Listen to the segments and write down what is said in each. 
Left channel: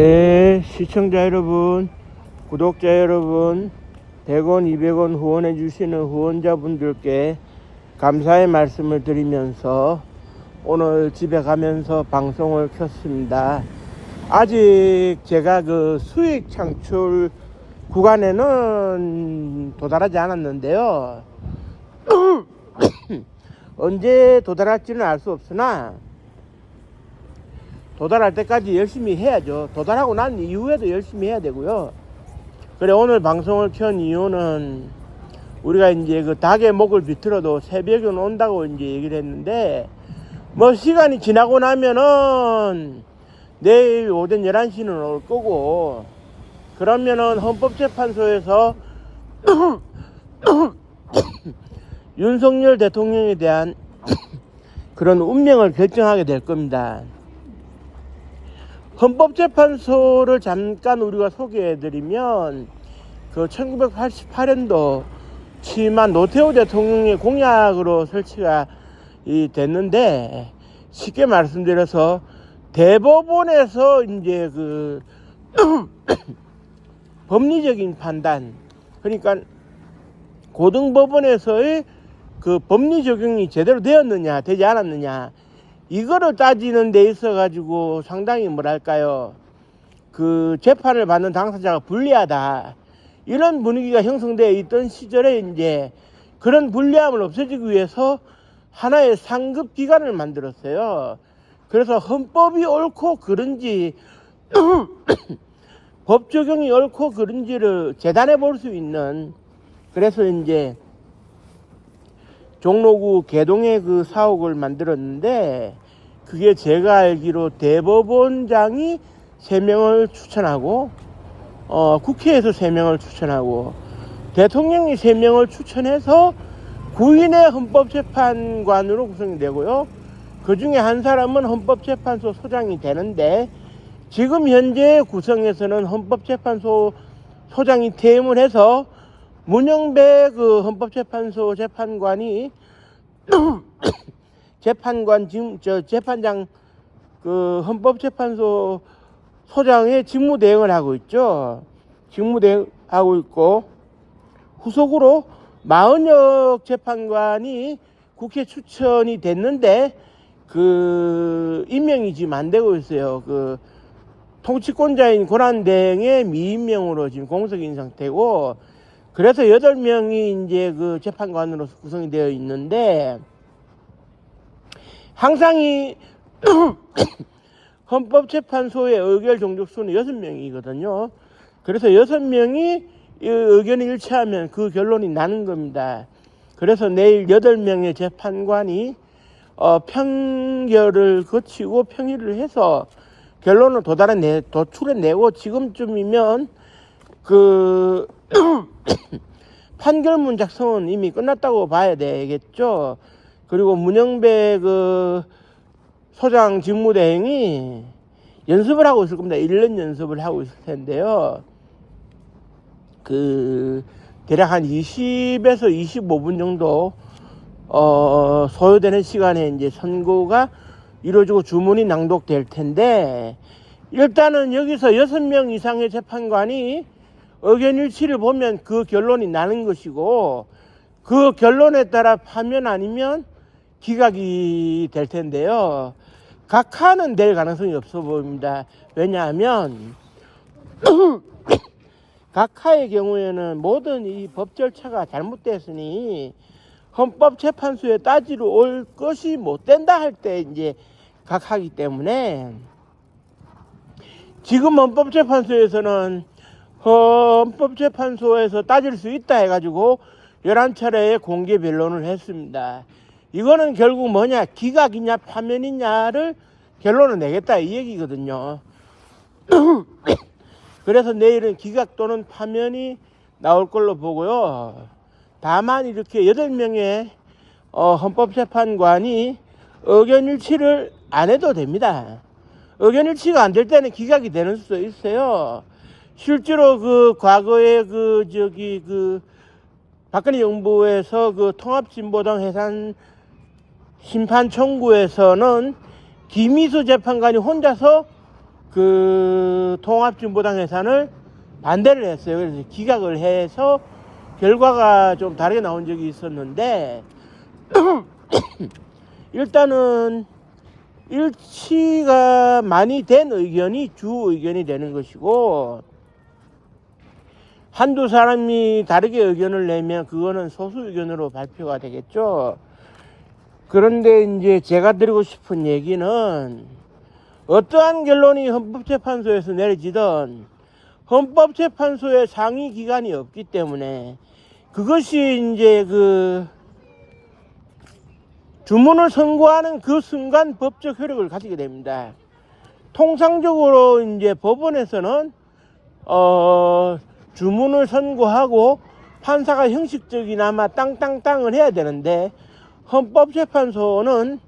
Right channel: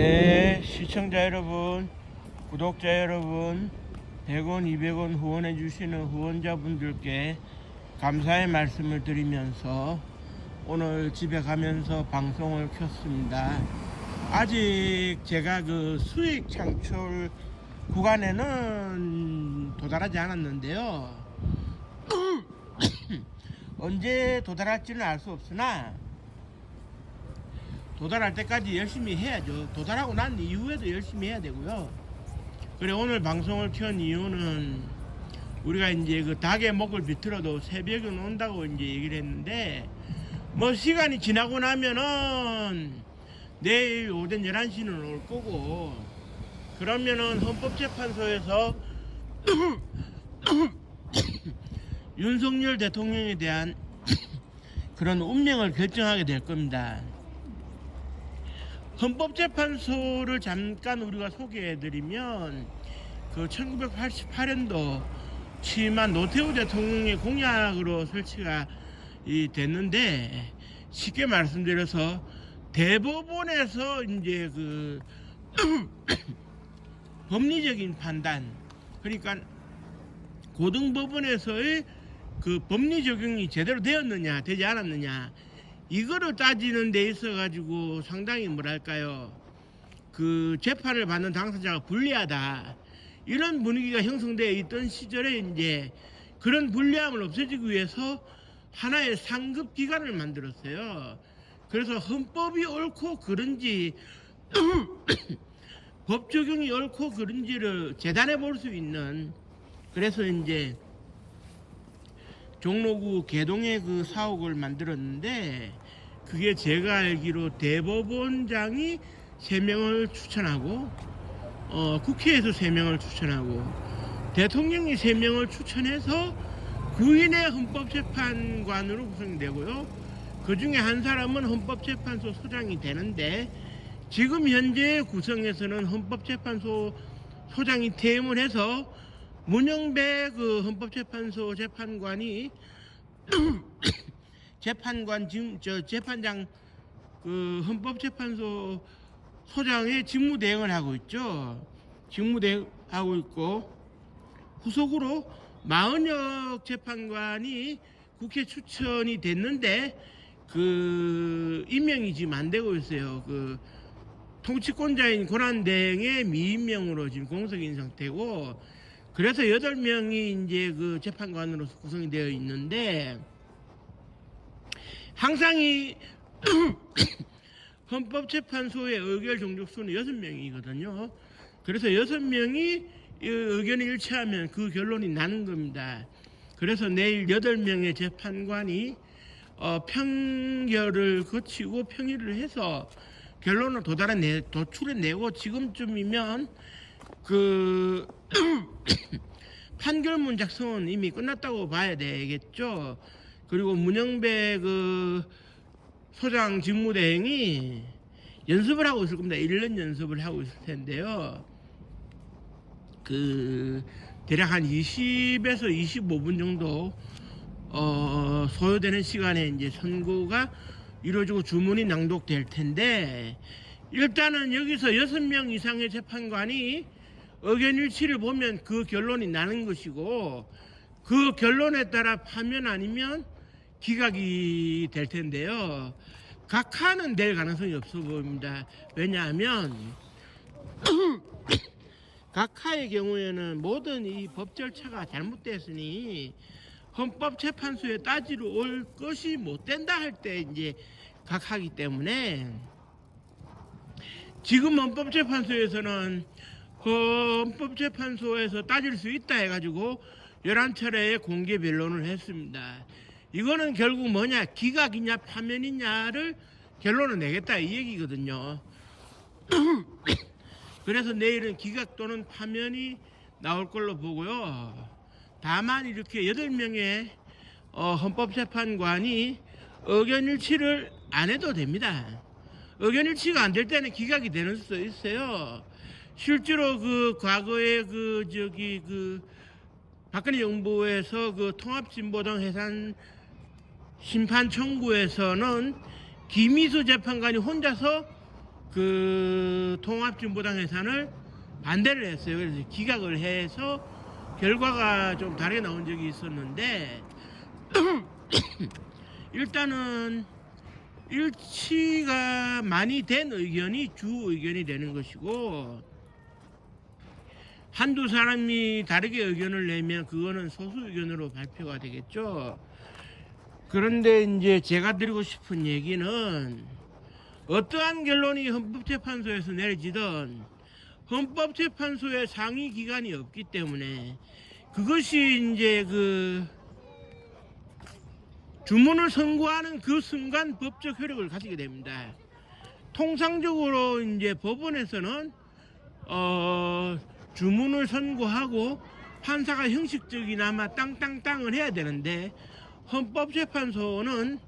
네, 시청자 여러분, 구독자 여러분, 100원, 200원 후원해 주시는 후원자분들께 감사의 말씀을 드리면서 오늘 집에 가면서 방송을 켰습니다. 아직 제가 그 수익 창출 구간에는 도달하지 않았는데요. 언제 도달할지는 알 수 없으나 도달할 때까지 열심히 해야죠. 도달하고 난 이후에도 열심히 해야 되고요. 그래, 오늘 방송을 켠 이유는 우리가 이제 그 닭의 목을 비틀어도 새벽에 온다고 이제 얘기를 했는데, 뭐 시간이 지나고 나면은 내일 오전 11시는 올 거고, 그러면은 헌법재판소에서 윤석열 대통령에 대한 그런 운명을 결정하게 될 겁니다. 헌법재판소를 잠깐 우리가 소개해드리면, 그 1988년도 취임한 노태우 대통령의 공약으로 설치가 됐는데, 쉽게 말씀드려서 대법원에서 이제 그 법리적인 판단, 그러니까 고등법원에서의 그 법리 적용이 제대로 되었느냐 되지 않았느냐, 이거를 따지는 데 있어 가지고 상당히 뭐랄까요, 그 재판을 받는 당사자가 불리하다, 이런 분위기가 형성되어 있던 시절에 이제 그런 불리함을 없애주기 위해서 하나의 상급 기관을 만들었어요. 그래서 헌법이 옳고 그른지 법 적용이 옳고 그른지를 재단해 볼 수 있는, 그래서 이제 종로구 개동에 그 사옥을 만들었는데, 그게 제가 알기로 대법원장이 3명을 추천하고, 국회에서 3명을 추천하고, 대통령이 3명을 추천해서 9인의 헌법재판관으로 구성이 되고요. 그 중에 한 사람은 헌법재판소 소장이 되는데, 지금 현재 구성에서는 헌법재판소 소장이 퇴임을 해서 문영배 그 헌법재판소 재판관이 재판장 그 헌법재판소 소장의 직무대행을 하고 있죠. 직무대행하고 있고, 후속으로 마은혁 재판관이 국회 추천이 됐는데 그 임명이 지금 안 되고 있어요. 그 통치권자인 권한대행의 미임명으로 지금 공석인 상태고, 그래서 8명이 이제 그 재판관으로서 구성이 되어 있는데, 항상 이 헌법재판소의 의결 종족수는 6명이거든요. 그래서 6명이 의견이 일치하면 그 결론이 나는 겁니다. 그래서 내일 8명의 재판관이 평결을 거치고 평의를 해서 결론을 도출해내고, 지금쯤이면 그 판결문 작성은 이미 끝났다고 봐야 되겠죠. 그리고 문영배 그 소장 직무대행이 연습을 하고 있을 겁니다. 1년 연습을 하고 있을 텐데요. 그 대략 한 20에서 25분 정도 소요되는 시간에 이제 선고가 이루어지고 주문이 낭독될 텐데, 일단은 여기서 6명 이상의 재판관이 의견일치를 보면 그 결론이 나는 것이고, 그 결론에 따라 파면 아니면 기각이 될 텐데요. 각하는 될 가능성이 없어 보입니다. 왜냐하면 각하의 경우에는 모든 이 법 절차가 잘못됐으니 헌법재판소에 따지러 올 것이 못 된다 할 때 이제 각하기 때문에, 지금 헌법재판소에서는 헌법재판소에서 따질 수 있다 해가지고 11차례의 공개 변론을 했습니다. 이거는 결국 뭐냐, 기각이냐 파면이냐를 결론을 내겠다 이 얘기거든요. 그래서 내일은 기각 또는 파면이 나올 걸로 보고요. 다만 이렇게 8명의 헌법재판관이 의견일치를 안 해도 됩니다. 의견일치가 안 될 때는 기각이 되는 수도 있어요. 실제로 그 과거에 그 박근혜 정부에서 그 통합진보당 해산 심판 청구에서는 김희수 재판관이 혼자서 그 통합진보당 해산을 반대를 했어요. 그래서 기각을 해서 결과가 좀 다르게 나온 적이 있었는데 일단은 일치가 많이 된 의견이 주 의견이 되는 것이고, 한두 사람이 다르게 의견을 내면 그거는 소수 의견으로 발표가 되겠죠. 그런데 이제 제가 드리고 싶은 얘기는, 어떠한 결론이 헌법재판소에서 내려지든 헌법재판소의 상위 기관이 없기 때문에 그것이 이제 그 주문을 선고하는 그 순간 법적 효력을 가지게 됩니다. 통상적으로 이제 법원에서는 주문을 선고하고 판사가 형식적이나마 땅땅땅을 해야 되는데, 헌법재판소는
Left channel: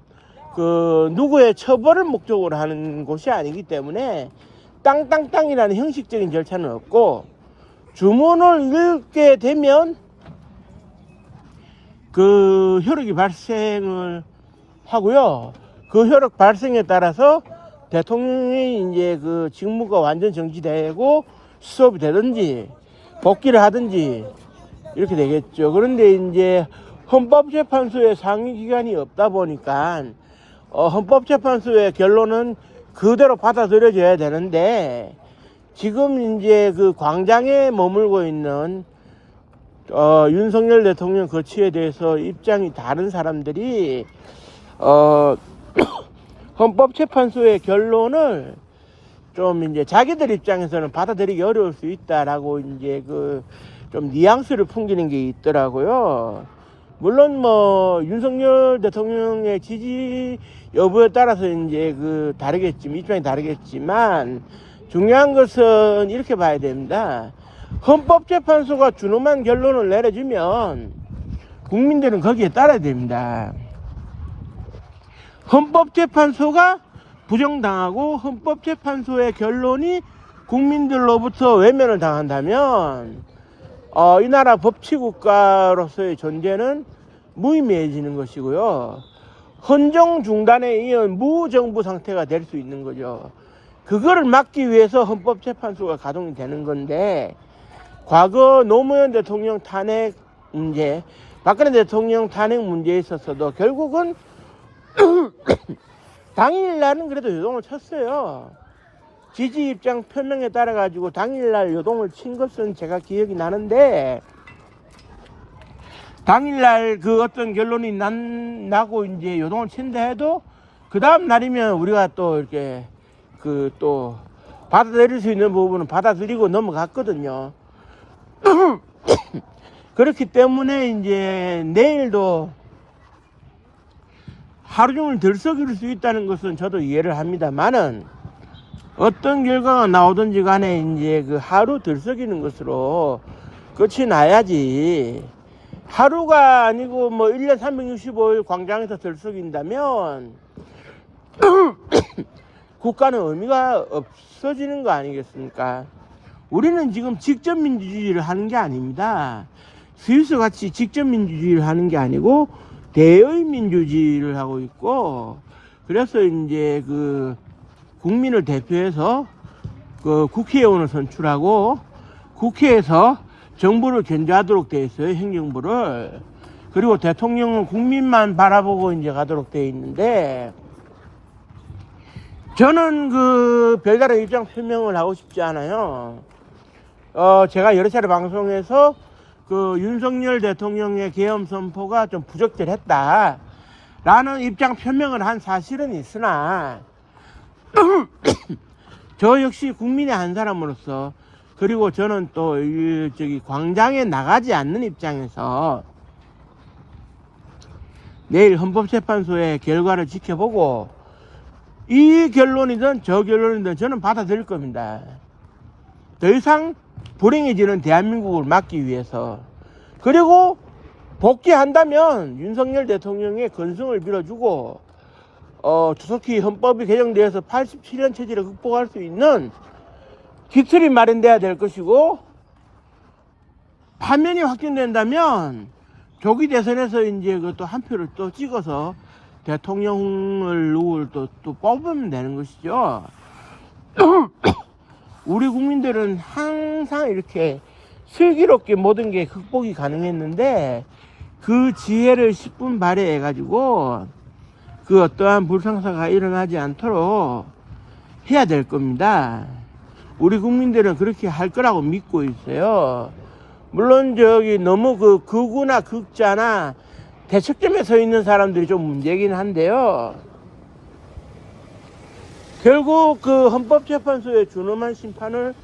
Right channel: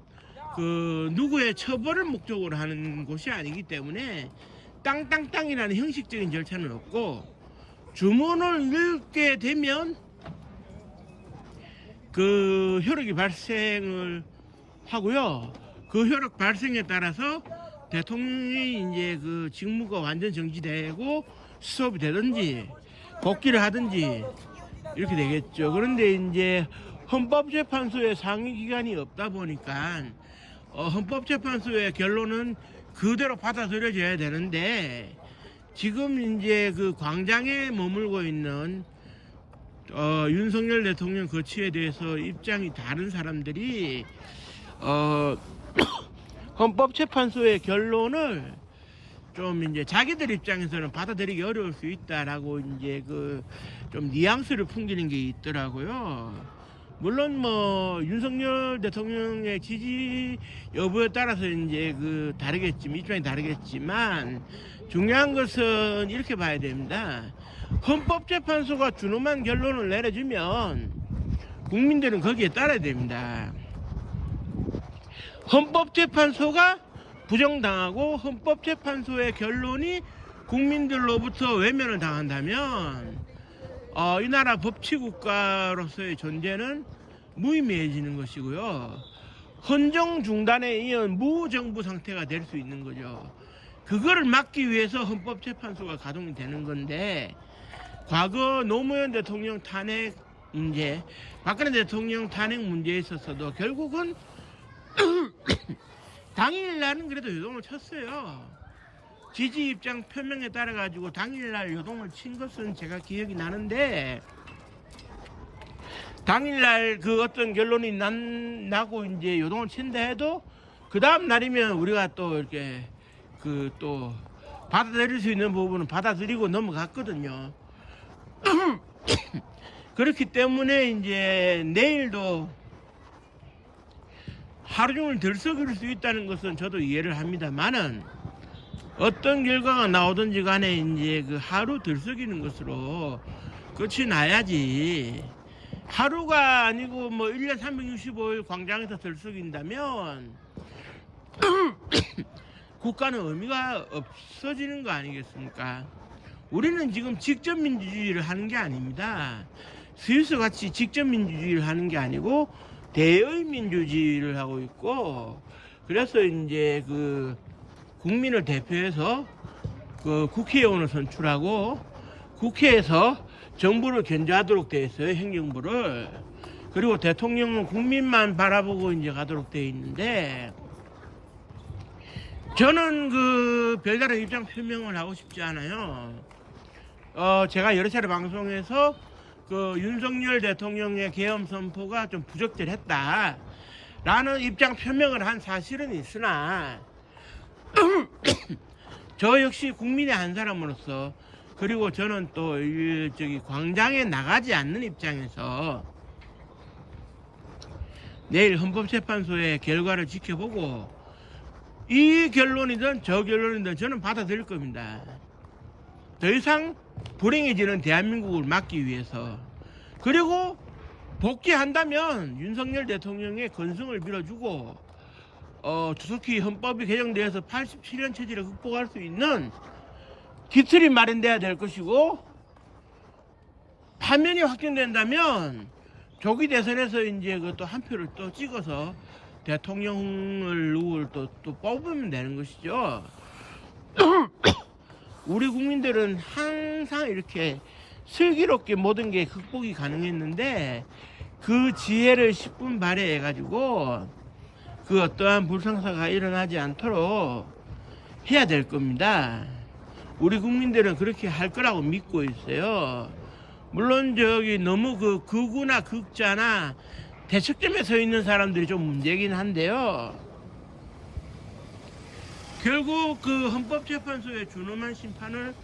그 누구의 처벌을 목적으로 하는 곳이 아니기 때문에 땅땅땅이라는 형식적인 절차는 없고, 주문을 읽게 되면 그 효력이 발생을 하고요. 그 효력 발생에 따라서 대통령이 이제 그 직무가 완전 정지되고 수업이 되든지 복귀를 하든지 이렇게 되겠죠. 그런데 이제 헌법재판소의 상위 기관이 없다 보니까 헌법재판소의 결론은 그대로 받아들여져야 되는데, 지금 이제 그 광장에 머물고 있는 윤석열 대통령 거취에 대해서 입장이 다른 사람들이 헌법재판소의 결론을 좀 이제 자기들 입장에서는 받아들이기 어려울 수 있다라고 이제 그 좀 뉘앙스를 풍기는 게 있더라고요. 물론 뭐 윤석열 대통령의 지지 여부에 따라서 이제 그 다르겠지만, 입장이 다르겠지만, 중요한 것은 이렇게 봐야 됩니다. 헌법재판소가 준엄한 결론을 내려주면 국민들은 거기에 따라야 됩니다. 헌법재판소가 부정당하고 헌법재판소의 결론이 국민들로부터 외면을 당한다면 이 나라 법치국가로서의 존재는 무의미해지는 것이고요. 헌정 중단에 이은 무정부 상태가 될 수 있는 거죠. 그거를 막기 위해서 헌법재판소가 가동이 되는 건데, 과거 노무현 대통령 탄핵 문제, 박근혜 대통령 탄핵 문제에 있어서도 결국은 당일날은 그래도 요동을 쳤어요. 지지 입장 표명에 따라 가지고 당일날 요동을 친 것은 제가 기억이 나는데, 당일날 그 어떤 결론이 나고 이제 요동을 친다 해도 그 다음 날이면 우리가 또 이렇게 그 또 받아들일 수 있는 부분은 받아들이고 넘어갔거든요. 그렇기 때문에 이제 내일도 하루 종일 들썩일 수 있다는 것은 저도 이해를 합니다만은, 어떤 결과가 나오든지 간에 이제 그 하루 들썩이는 것으로 끝이 나야지, 하루가 아니고 뭐 1년 365일 광장에서 들썩인다면 국가는 의미가 없어지는 거 아니겠습니까? 우리는 지금 직접민주주의를 하는 게 아닙니다. 스위스 같이 직접민주주의를 하는 게 아니고 대의민주주의를 하고 있고, 그래서 이제 그 국민을 대표해서 그 국회의원을 선출하고 국회에서 정부를 견제하도록 되어 있어요, 행정부를. 그리고 대통령은 국민만 바라보고 이제 가도록 되어 있는데, 저는 그 별다른 입장 표명을 하고 싶지 않아요. 제가 여러 차례 방송에서 그 윤석열 대통령의 계엄 선포가 좀 부적절했다 라는 입장 표명을 한 사실은 있으나 저 역시 국민의 한 사람으로서, 그리고 저는 또 저기 광장에 나가지 않는 입장에서 내일 헌법재판소의 결과를 지켜보고 이 결론이든 저 결론이든 저는 받아들일 겁니다. 더 이상 불행해지는 대한민국을 막기 위해서. 그리고 복귀한다면 윤석열 대통령의 건승을 빌어주고 조속히 헌법이 개정되어서 87년 체제를 극복할 수 있는 기틀이 마련돼야 될 것이고, 파면이 확정된다면 조기 대선에서 이제 그 또 한 표를 또 찍어서 대통령을 누구를 또 뽑으면 되는 것이죠. 우리 국민들은 항상 이렇게 슬기롭게 모든 게 극복이 가능했는데 그 지혜를 10분 발휘해 가지고 그 어떠한 불상사가 일어나지 않도록 해야 될 겁니다. 우리 국민들은 그렇게 할 거라고 믿고 있어요. 물론 저기 너무 그 극우나 극자나 대척점에 서 있는 사람들이 좀 문제긴 한데요. 결국 그 헌법재판소의 준엄한 심판을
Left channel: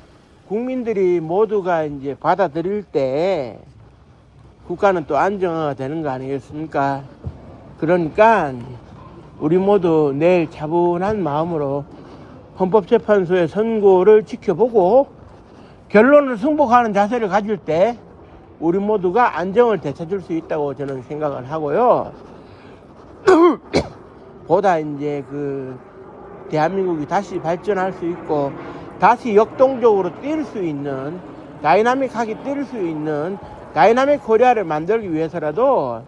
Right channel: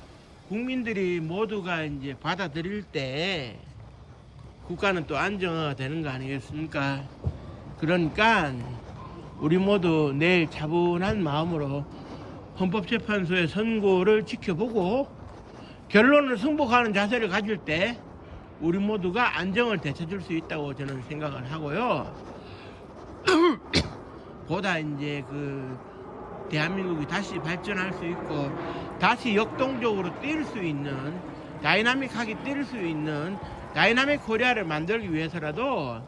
국민들이 모두가 이제 받아들일 때 국가는 또 안정화가 되는 거 아니겠습니까? 그러니까 우리 모두 내일 차분한 마음으로 헌법재판소의 선고를 지켜보고 결론을 승복하는 자세를 가질 때 우리 모두가 안정을 되찾을 수 있다고 저는 생각을 하고요. 보다 이제 그 대한민국이 다시 발전할 수 있고 다시 역동적으로 뛸 수 있는 다이나믹하게 뛸 수 있는 다이나믹 코리아를 만들기 위해서라도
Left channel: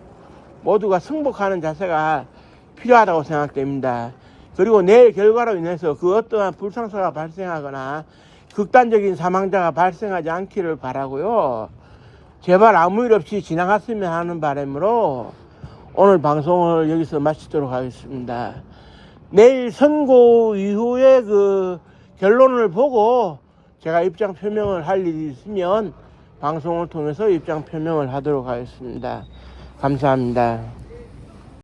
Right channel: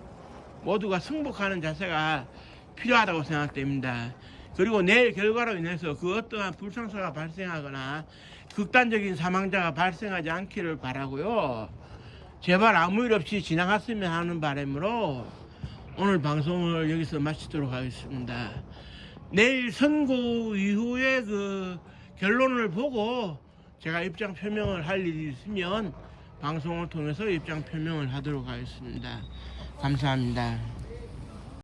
모두가 승복하는 자세가 필요하다고 생각됩니다. 그리고 내일 결과로 인해서 그 어떠한 불상사가 발생하거나 극단적인 사망자가 발생하지 않기를 바라고요. 제발 아무 일 없이 지나갔으면 하는 바람으로 오늘 방송을 여기서 마치도록 하겠습니다. 내일 선고 이후에 그 결론을 보고 제가 입장 표명을 할 일이 있으면 방송을 통해서 입장 표명을 하도록 하겠습니다. 감사합니다.